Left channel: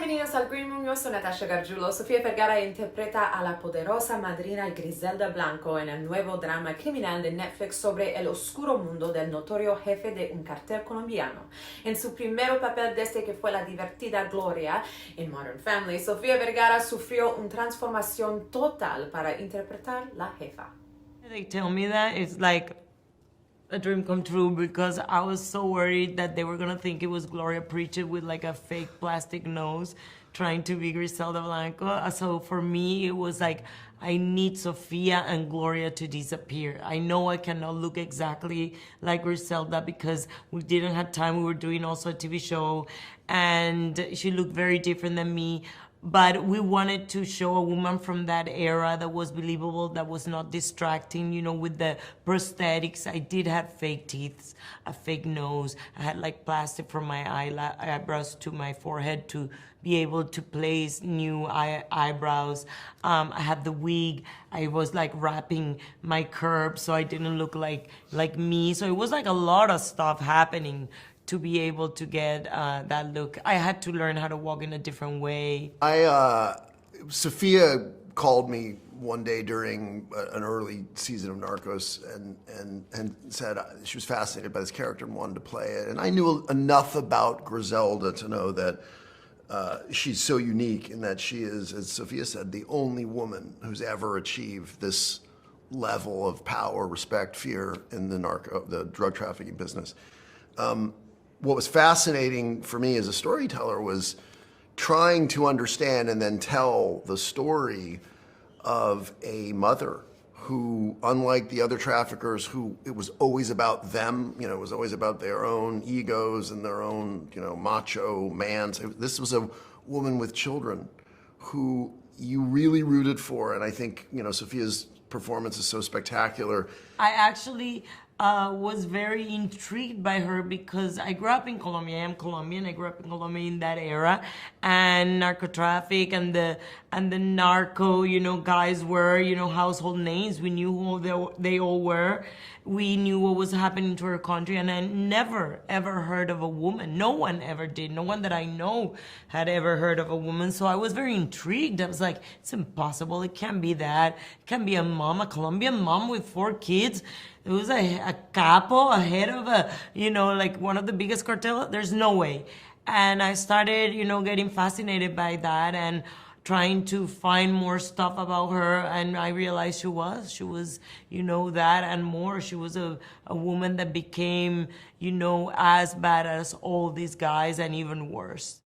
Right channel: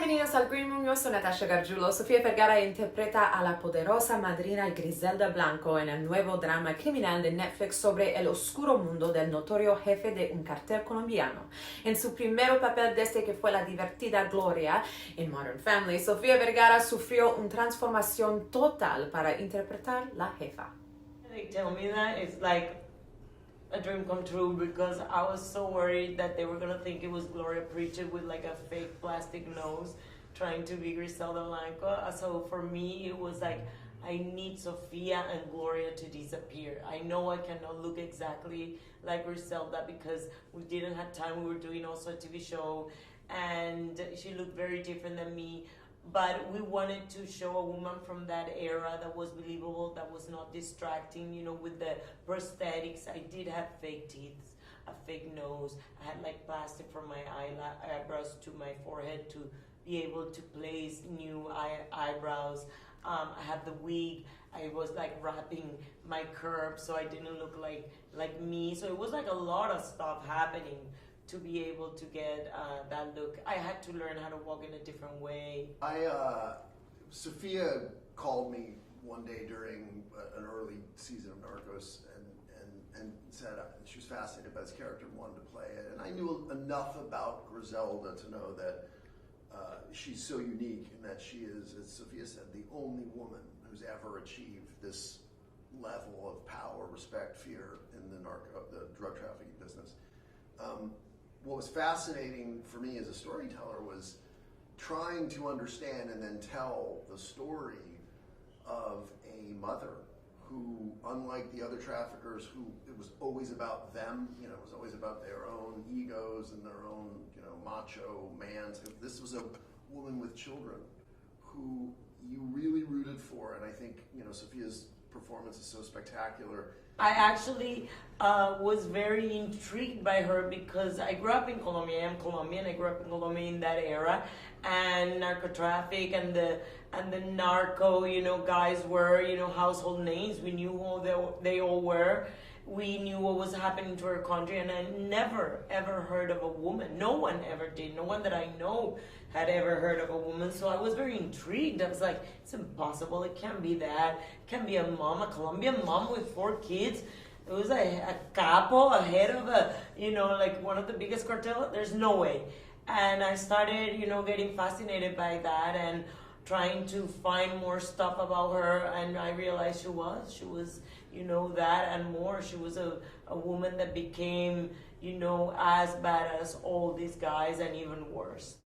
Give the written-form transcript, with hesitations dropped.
Bienvenidos al Green Room, yo soy Natasha Gargiulo. Sofía Vergara interpreta a la poderosa madrina Griselda Blanco en el nuevo drama criminal de Netflix sobre el oscuro mundo del notorio jefe de un cartel colombiano. En su primer papel desde que fue la divertida Gloria en Modern Family, Sofía Vergara sufrió una transformación total para interpretar la jefa. They tell me that it's like a dream come true because I was so worried that they were gonna think it was Gloria Preacher with like a fake plastic nose trying to be Griselda Blanco. So for me, it was like, I need Sofia and Gloria to disappear. I know I cannot look exactly like Griselda because we didn't have time. We were doing also a TV show and she looked very different than me. But we wanted to show a woman from that era that was believable, that was not distracting, you know, with the prosthetics. I did have fake teeth, a fake nose. I had like plastic from my eyebrows to my forehead to be able to place new eyebrows. I had the wig. I was like wrapping my curves so I didn't look like me. So it was like a lot of stuff happening to be able to get that look. I had to learn how to walk in a different way. Sofia called me one day during an early season of Narcos and said she was fascinated by this character and wanted to play it. And I knew enough about Griselda to know that she's so unique in that she is, as Sofia said, the only woman who's ever achieved this level of power, respect, fear in the drug trafficking business. What was fascinating for me as a storyteller was trying to understand and then tell the story of a mother who, unlike the other traffickers, who it was always about them, you know, it was always about their own egos and their own, you know, macho man. This was a woman with children who you really rooted for, and I think, you know, Sofia's performance is so spectacular. I actually was very intrigued by her because I grew up in Colombia. I am Colombian. I grew up in Colombia in that era, and narco traffic and the narco, you know, guys were, you know, household names. We knew who they all were. We knew what was happening to our country, and I never ever heard of a woman. No one ever did. No one that I know had ever heard of a woman. So I was very intrigued. I was like, it's impossible. It can't be that. It can't be a mom, a Colombian mom with 4 kids. It was a capo, a head of a, you know, like one of the biggest cartels. There's no way. And I started, you know, getting fascinated by that and trying to find more stuff about her. And I realized she was, you know, that and more. She was a woman that became, you know, as bad as all these guys and even worse.